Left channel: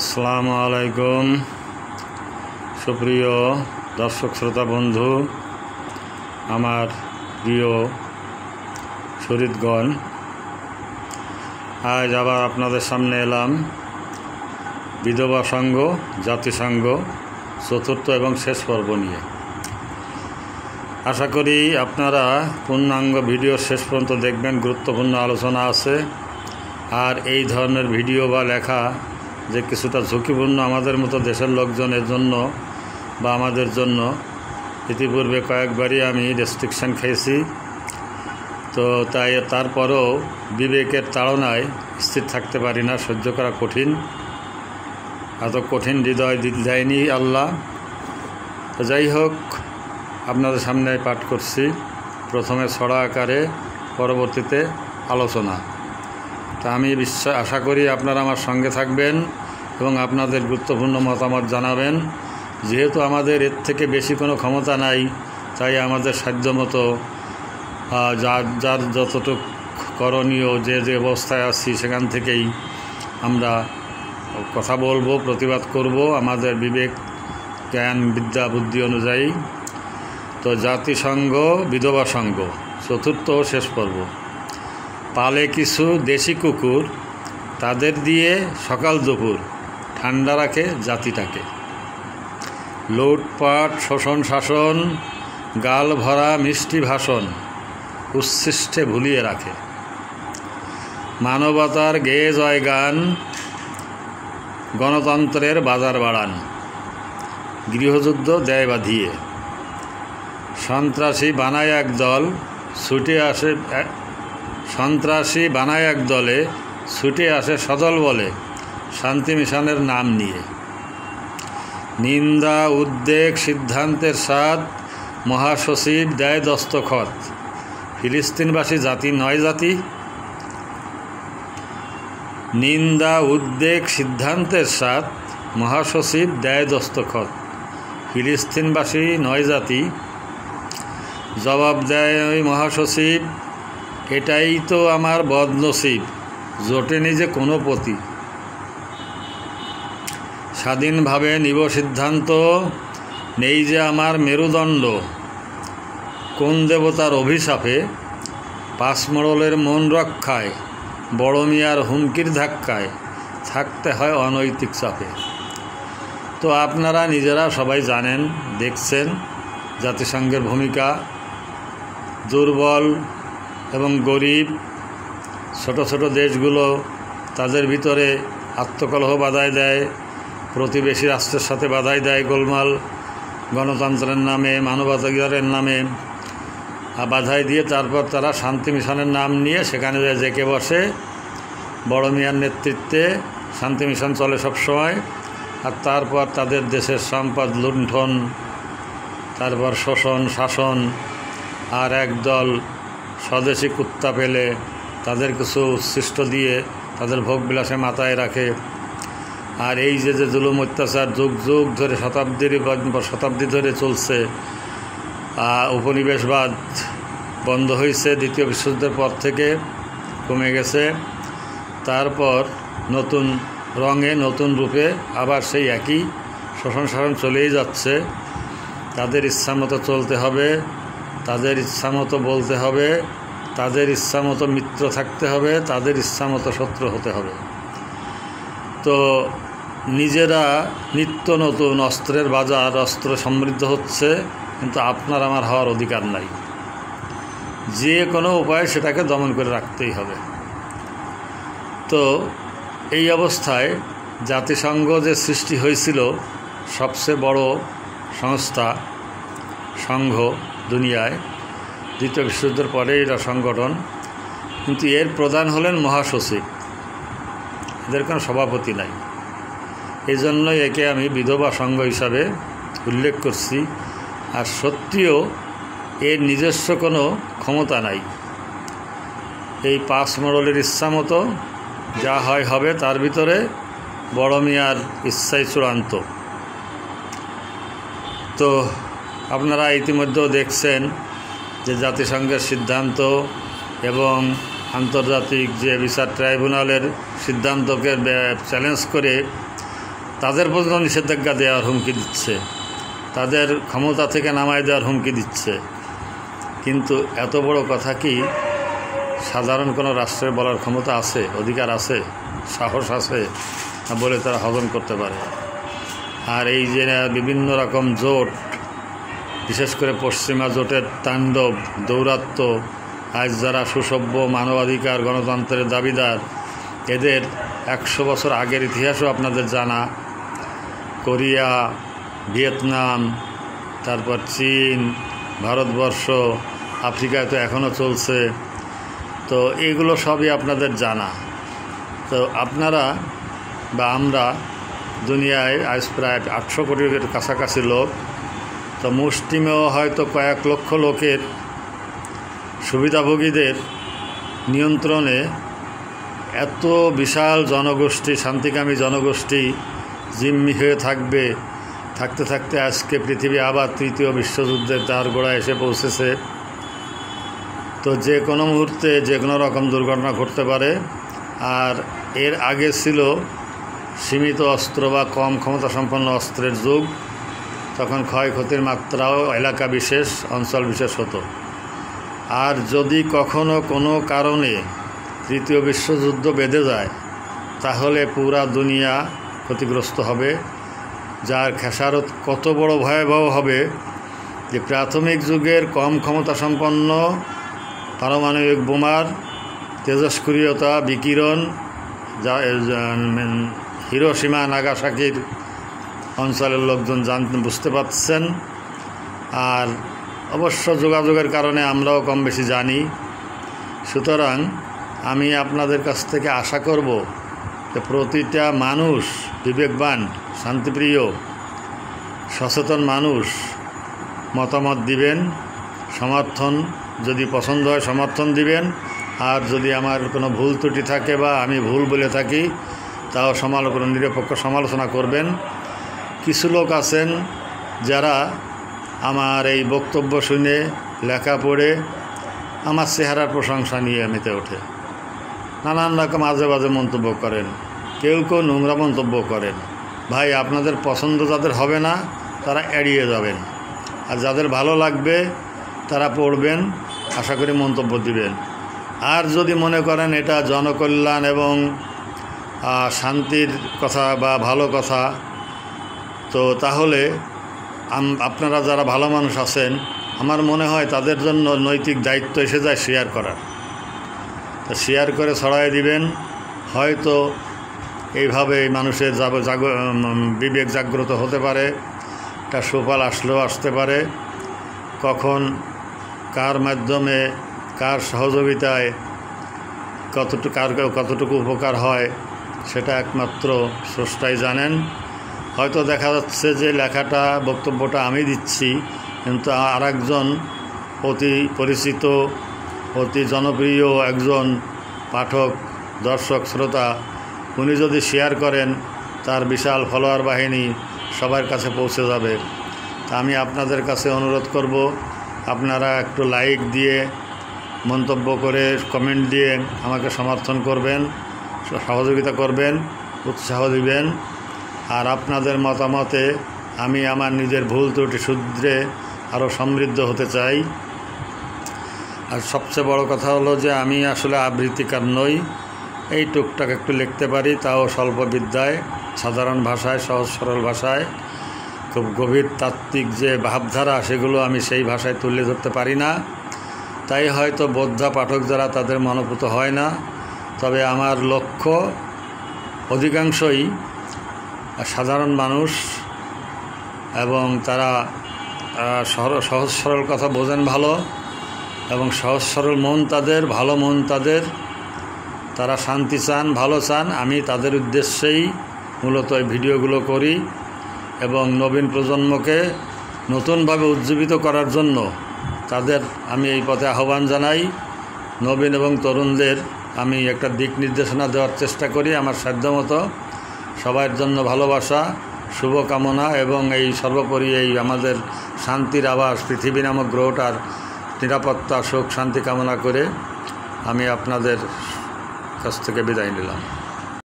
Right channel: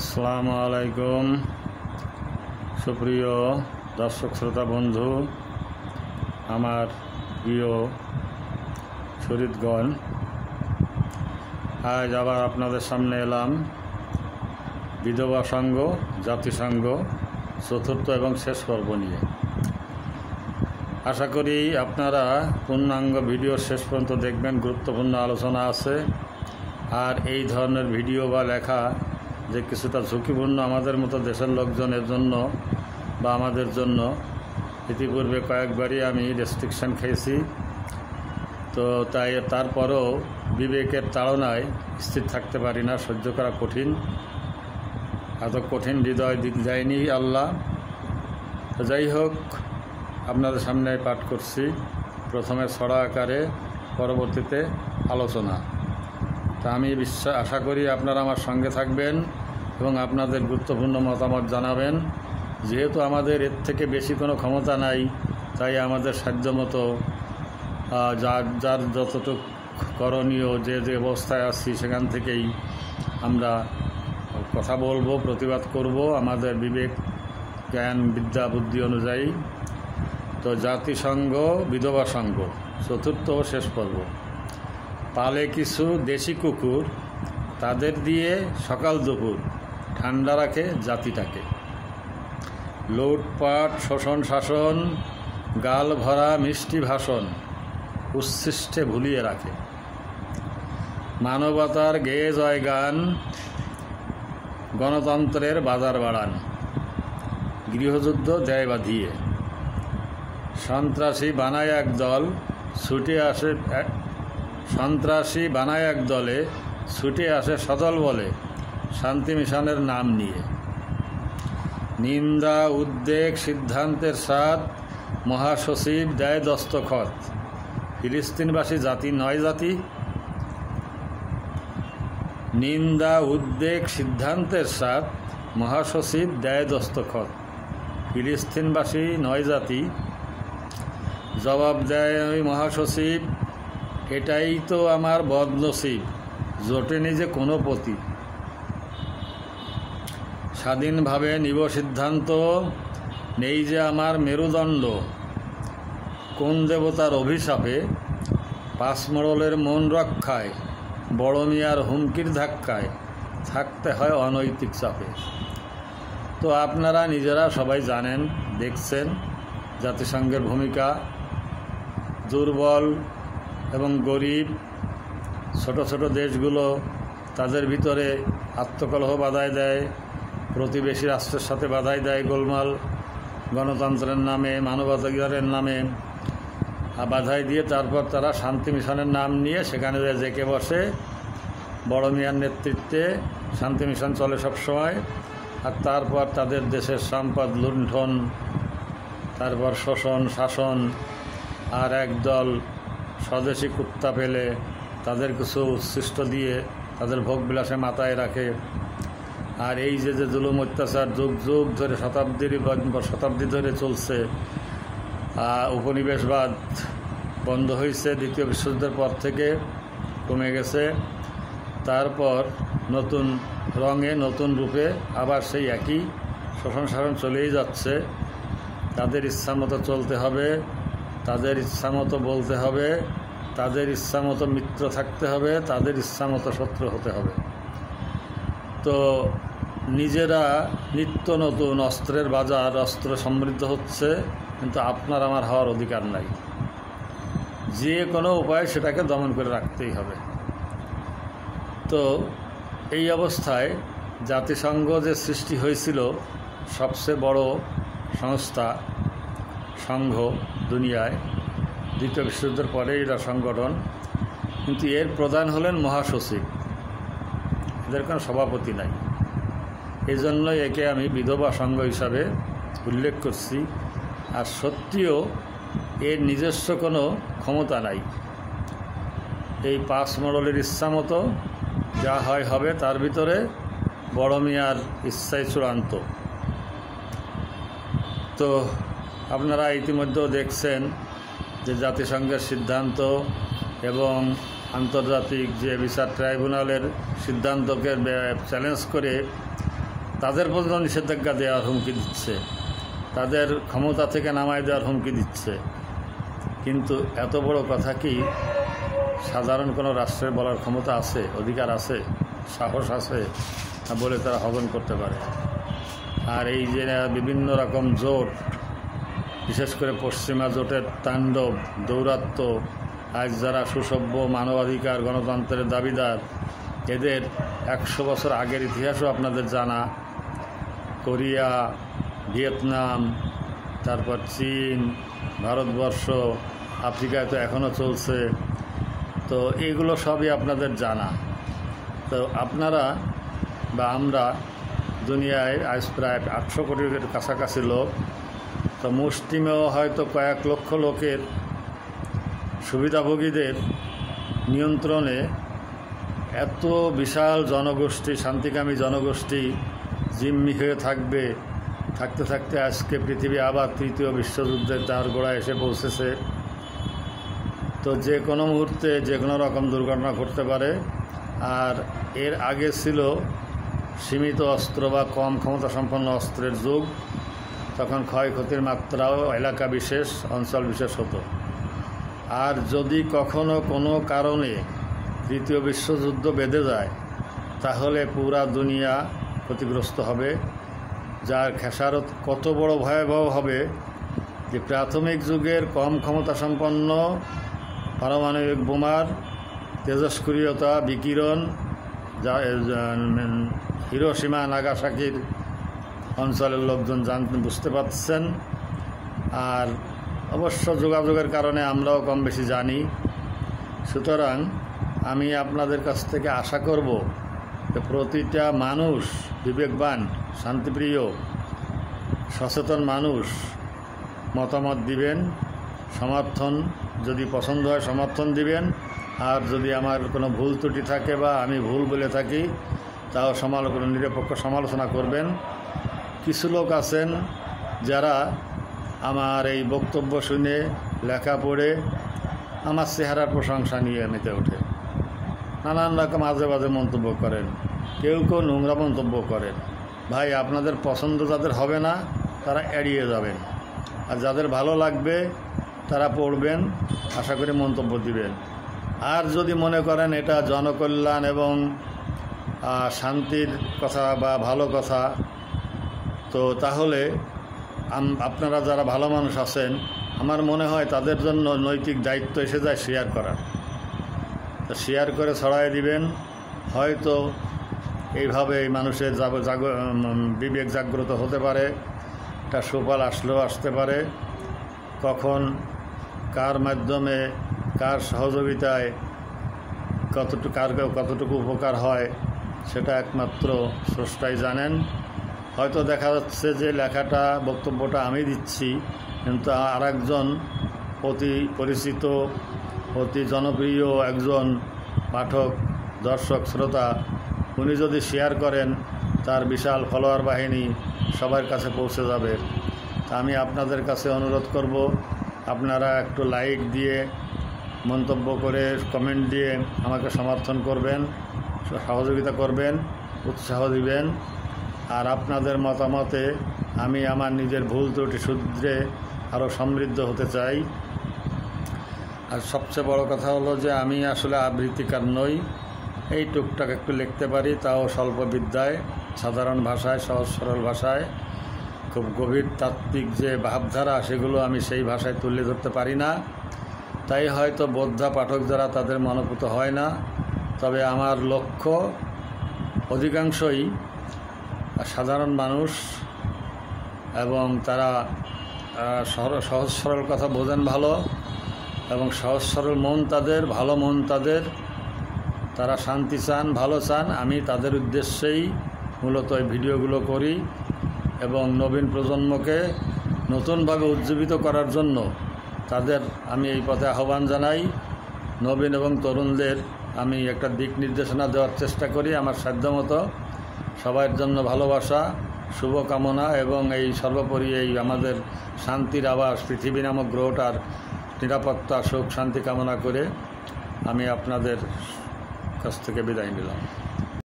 আসসালামু আলাইকুম সুপ্রিয় দর্শক শ্রোতা বন্ধু, আমার প্রিয় শহীদগণ, আজ আবার আপনাদের সামনে এলাম বিধবা সংঘ জাতিসংঘ চতুর্থ এবং শেষ পর্ব নিয়ে। আশা করি আপনারা পূর্ণাঙ্গ ভিডিওর শেষ পর্যন্ত দেখবেন। গুরুত্বপূর্ণ আলোচনা আছে। আর এই ধরনের ভিডিও বা লেখা যে কিছুটা ঝুঁকিপূর্ণ আমাদের মতো দেশের লোকজনের জন্য বা আমাদের জন্য, ইতিপূর্বে কয়েকবারই আমি রেস্ট্রিকশান খেয়েছি। তো তাই তারপরও বিবেকের তাড়নায় স্থির থাকতে পারি না, সহ্য করা কঠিন। এত কঠিন হৃদয় দেয়নি আল্লাহ। তো যাই হোক, আপনাদের সামনে পাঠ করছি, প্রথমে ছড়া আকারে, পরবর্তীতে আলোচনা। তা আমি আশা করি আপনারা আমার সঙ্গে থাকবেন এবং আপনাদের গুরুত্বপূর্ণ মতামত জানাবেন। যেহেতু আমাদের এর থেকে বেশি কোনো ক্ষমতা নাই, তাই আমাদের সাধ্যমতো যার যতটুকু করণীয়, যে অবস্থায় আছি সেখান থেকেই আমরা কথা বলবো, প্রতিবাদ করব আমাদের বিবেক, জ্ঞান, বিদ্যা, বুদ্ধি অনুযায়ী। তো জাতিসংঘ বিধবা সংঘ চতুর্থ ও শেষ পর্ব। পালে কিছু দেশি কুকুর, তাদের দিয়ে সকাল দুপুর ঠান্ডা রাখে জাতিটাকে। লুটপাট, শোষণ, শাসন, গাল ভরা মিষ্টি ভাষণ উচ্ছিষ্টে ভুলিয়ে রাখে। মানবতার গেয়ে জয় গান, গণতন্ত্রের বাজার বাড়ান, গৃহযুদ্ধ দেয় বাঁধিয়ে। সন্ত্রাসী বানায় এক দল, ছুটে আসে সন্ত্রাসী বানায় এক দলে, ছুটে আসে সদল বলে শান্তি মিশনের নাম নিয়ে। নিন্দা, উদ্বেগ, সিদ্ধান্তের স্বাদ, মহাসচিব দেয় দস্তখত। ফিলিস্তিনবাসী জাতি নয় জাতি। নিন্দা, উদ্বেগ, সিদ্ধান্তের স্বাদ, মহাসচিব দেয় দস্তখত। ফিলিস্তিনবাসী নয় জাতি। জবাব দেয় ওই মহাসচিব, এটাই তো আমার বদনসিব, জোটেনি যে কোনো পতি। স্বাধীনভাবে নিব সিদ্ধান্ত, নেই যে আমার মেরুদণ্ড। কোন দেবতার অভিশাপে পাঁচমড়লের মন রক্ষায়, বড় মিয়ার হুমকির ধাক্কায় থাকতে হয় অনৈতিক চাপে। তো আপনারা নিজেরা সবাই জানেন, দেখছেন জাতিসংঘের ভূমিকা। দুর্বল এবং গরিব ছোট ছোট দেশগুলো তাদের ভিতরে আত্মকলহ বাধায় দেয়, প্রতিবেশী রাষ্ট্রের সাথে বাধায় দেয় গোলমাল, গণতন্ত্রের নামে, মানবাধিকারের নামে বাধাই দিয়ে তারপর তারা শান্তি মিশনের নাম নিয়ে সেখানে জেকে বসে। বড় মিয়ার নেতৃত্বে শান্তি মিশন চলে সবসময়। আর তারপর তাদের দেশের সম্পদ লুণ্ঠন, তারপর শোষণ, শাসন, আর একদল স্বদেশি কুত্তা পেলে তাদের কিছু উচ্ছিষ্ট দিয়ে তাদের ভোগবিলাসে মাথায় রাখে। আর এই যে জুলুম অত্যাচার যুগ যুগ ধরে, শতাব্দী ধরে চলছে। উপনিবেশবাদ বন্ধ হয়েছে দ্বিতীয় বিশ্বযুদ্ধের পর থেকে, কমে গেছে। তারপর নতুন রঙে, নতুন রূপে আবার সেই একই শোষণ শাসন চলেই যাচ্ছে। তাদের ইচ্ছামতো চলতে হবে, তাদের ইচ্ছামতো বলতে হবে, তাদের ইচ্ছামতো মিত্র থাকতে হবে, তাদের ইচ্ছামতো শত্রু হতে হবে। তো নিজেরা নিত্য নতুন অস্ত্রের বাজার, অস্ত্র সমৃদ্ধ হচ্ছে, কিন্তু আপনার আমার হওয়ার অধিকার নাই। যে কোনো উপায়ে সেটাকে দমন করে রাখতেই হবে। তো এই অবস্থায় জাতিসংঘ যে সৃষ্টি হয়েছিল, সবচেয়ে বড় সংস্থা, সংঘ দুনিয়ায়, দ্বিতীয় বিশ্বযুদ্ধের পরে এরা সংগঠন, কিন্তু এর প্রধান হলেন মহাসচিব। এদের কোনো সভাপতি নাই। এই জন্যই একে আমি বিধবা সংঘ হিসাবে উল্লেখ করছি। আর সত্যিও এর নিজস্ব কোনো ক্ষমতা নাই। এই পাঁচ মডেলের ইচ্ছা মতো যা হয় হবে, তার ভিতরে বড় মিয়ার ইচ্ছাই চূড়ান্ত। তো আপনারা ইতিমধ্যেও দেখছেন যে জাতিসংঘের সিদ্ধান্ত এবং আন্তর্জাতিক যে বিচার ট্রাইব্যুনালের সিদ্ধান্তকে চ্যালেঞ্জ করে তাদের পর্যন্ত নিষেধাজ্ঞা দেওয়ার হুমকি দিচ্ছে, তাদের ক্ষমতা থেকে নামায় দেওয়ার হুমকি দিচ্ছে। কিন্তু এত বড় কথা কি সাধারণ কোনো রাষ্ট্রের বলার ক্ষমতা আছে, অধিকার আছে, সাহস আছে বলে তারা হজম করতে পারে? আর এই যে বিভিন্ন রকম জোট, বিশেষ করে পশ্চিমা জোটের তাণ্ডব দৌরাত্ম্য, আজ যারা সুসভ্য মানবাধিকার গণতন্ত্রের দাবিদার, এদের 100 বছর আগের ইতিহাসও আপনাদের জানা। কোরিয়া, ভিয়েতনাম, তারপর চীন, ভারতবর্ষ, আফ্রিকায় তো এখনও চলছে। তো এগুলো সবই আপনাদের জানা। তো আপনারা বা আমরা দুনিয়ায় আজ প্রায় 800 কোটির কাছাকাছি লোক, তো মুষ্টিমেয় হয়তো কয়েক লক্ষ লোকের সুবিধাভোগীদের নিয়ন্ত্রণে এত বিশাল জনগোষ্ঠী, শান্তিকামী জনগোষ্ঠী জিম্মি হয়ে থাকবে। থাকতে থাকতে আজকে পৃথিবী আবার তৃতীয় বিশ্বযুদ্ধের দ্বার গোড়ায় এসে পৌঁছেছে। তো যে কোনো মুহূর্তে যে কোনো রকম দুর্ঘটনা ঘটতে পারে। আর এর আগে ছিল সীমিত অস্ত্র বা কম ক্ষমতা সম্পন্ন অস্ত্রের যুগ, তখন ক্ষয়ক্ষতির মাত্রাও এলাকা বিশেষ, অঞ্চল বিশেষ হতো। আর যদি কখনো কোনো কারণে তৃতীয় বিশ্বযুদ্ধ বেঁধে যায়, তাহলে পুরা দুনিয়া ক্ষতিগ্রস্ত হবে, যার খেসারত কত বড় ভয়াবহ হবে যে প্রাথমিক যুগের কম ক্ষমতা সম্পন্ন পারমাণবিক বোমার তেজস্ক্রিয়তা, বিকিরণ, হিরোশিমা নাগাসাকির অঞ্চলের লোকজন বুঝতে পারছেন। আর অবশ্য যোগাযোগের কারণে আমরাও কম বেশি জানি। সুতরাং আমি আপনাদের কাছ থেকে আশা করব যে প্রতিটা মানুষ, বিবেকবান, শান্তিপ্রিয়, সচেতন মানুষ মতামত দিবেন, সমর্থন যদি পছন্দ হয় সমর্থন দিবেন। আর যদি আমার কোনো ভুল ত্রুটি থাকে বা আমি ভুল বলে থাকি, তাও নিরপেক্ষ সমালোচনা করবেন। কিছু লোক আছেন যারা আমার এই বক্তব্য শুনে, লেখা পড়ে আমার চেহারার প্রশংসা নিয়ে মেতে ওঠে, নানান রকম আজে বাজে মন্তব্য করেন, কেউ কেউ নোংরা মন্তব্য করেন। ভাই, আপনাদের পছন্দ যাদের হবে না তারা এড়িয়ে যাবেন, আর যাদের ভালো লাগবে তারা পড়বেন, আশা করি মন্তব্য দিবেন। আর যদি মনে করেন এটা জনকল্যাণ এবং শান্তির কথা বা ভালো কথা, তো তাহলে আপনারা যারা ভালো মানুষ আছেন, আমার মনে হয় তাদের জন্য নৈতিক দায়িত্ব এসে যায় শেয়ার করার। তো শেয়ার করে ছড়াই দিবেন। হয়তো এইভাবে মানুষের বিবেক জাগ্রত হতে পারে, একটা সুফল আসতে পারে। কখন কার মাধ্যমে, কার সহযোগিতায় কতটুকু উপকার হয় সেটা একমাত্র স্রষ্টাই জানেন। হয়তো দেখা যাচ্ছে যে লেখাটা, বক্তব্যটা আমি দিচ্ছি, কিন্তু আরেকজন অতি পরিচিত, অতি জনপ্রিয় একজন পাঠক, দর্শক, শ্রোতা, উনি যদি শেয়ার করেন, তার বিশাল ফলোয়ার বাহিনী সবার কাছে পৌঁছে যাবে। তা আমি আপনাদের কাছে অনুরোধ করব, আপনারা একটু লাইক দিয়ে, মন্তব্য করে, কমেন্ট দিয়ে আমাকে সমর্থন করবেন, সহযোগিতা করবেন, উৎসাহ দিবেন। আর আপনাদের মতামতে আমি আমার নিজের ভুল ত্রুটি শুধরে আরও সমৃদ্ধ হতে চাই। আর সবচেয়ে বড় কথা হলো যে আমি আসলে আবৃত্তিকার নই, এই টুকটাক একটু লিখতে পারি, তাও স্বল্প বিদ্যায়, সাধারণ ভাষায়, সহজ সরল ভাষায়। খুব গভীর তাত্ত্বিক যে ভাবধারা, সেগুলো আমি সেই ভাষায় তুলে ধরতে পারি না, তাই হয়তো বোদ্ধা পাঠক যারা, তাদের মনোভূত হয় না। তবে আমার লক্ষ্য অধিকাংশই সাধারণ মানুষ, এবং তারা সহজ সরল কথা বোঝেন ভালো, এবং সহজ সরল মন তাদের, ভালো মন তাদের, তারা শান্তি চান, ভালো চান। আমি তাদের উদ্দেশ্যেই মূলত এই ভিডিওগুলো করি, এবং নবীন প্রজন্মকে নতুনভাবে উজ্জীবিত করার জন্য তাদের আমি এই পথে আহ্বান জানাই। নবীন এবং তরুণদের আমি একটা দিক নির্দেশনা দেওয়ার চেষ্টা করি আমার সাধ্যমতো। সবার জন্য ভালোবাসা, শুভকামনা, এবং এই সর্বোপরি এই আমাদের শান্তির আবাস পৃথিবী নামক গ্রহটার নিরাপত্তা, সুখ, শান্তি কামনা করে আমি আপনাদের কাছ থেকে বিদায় নিলাম।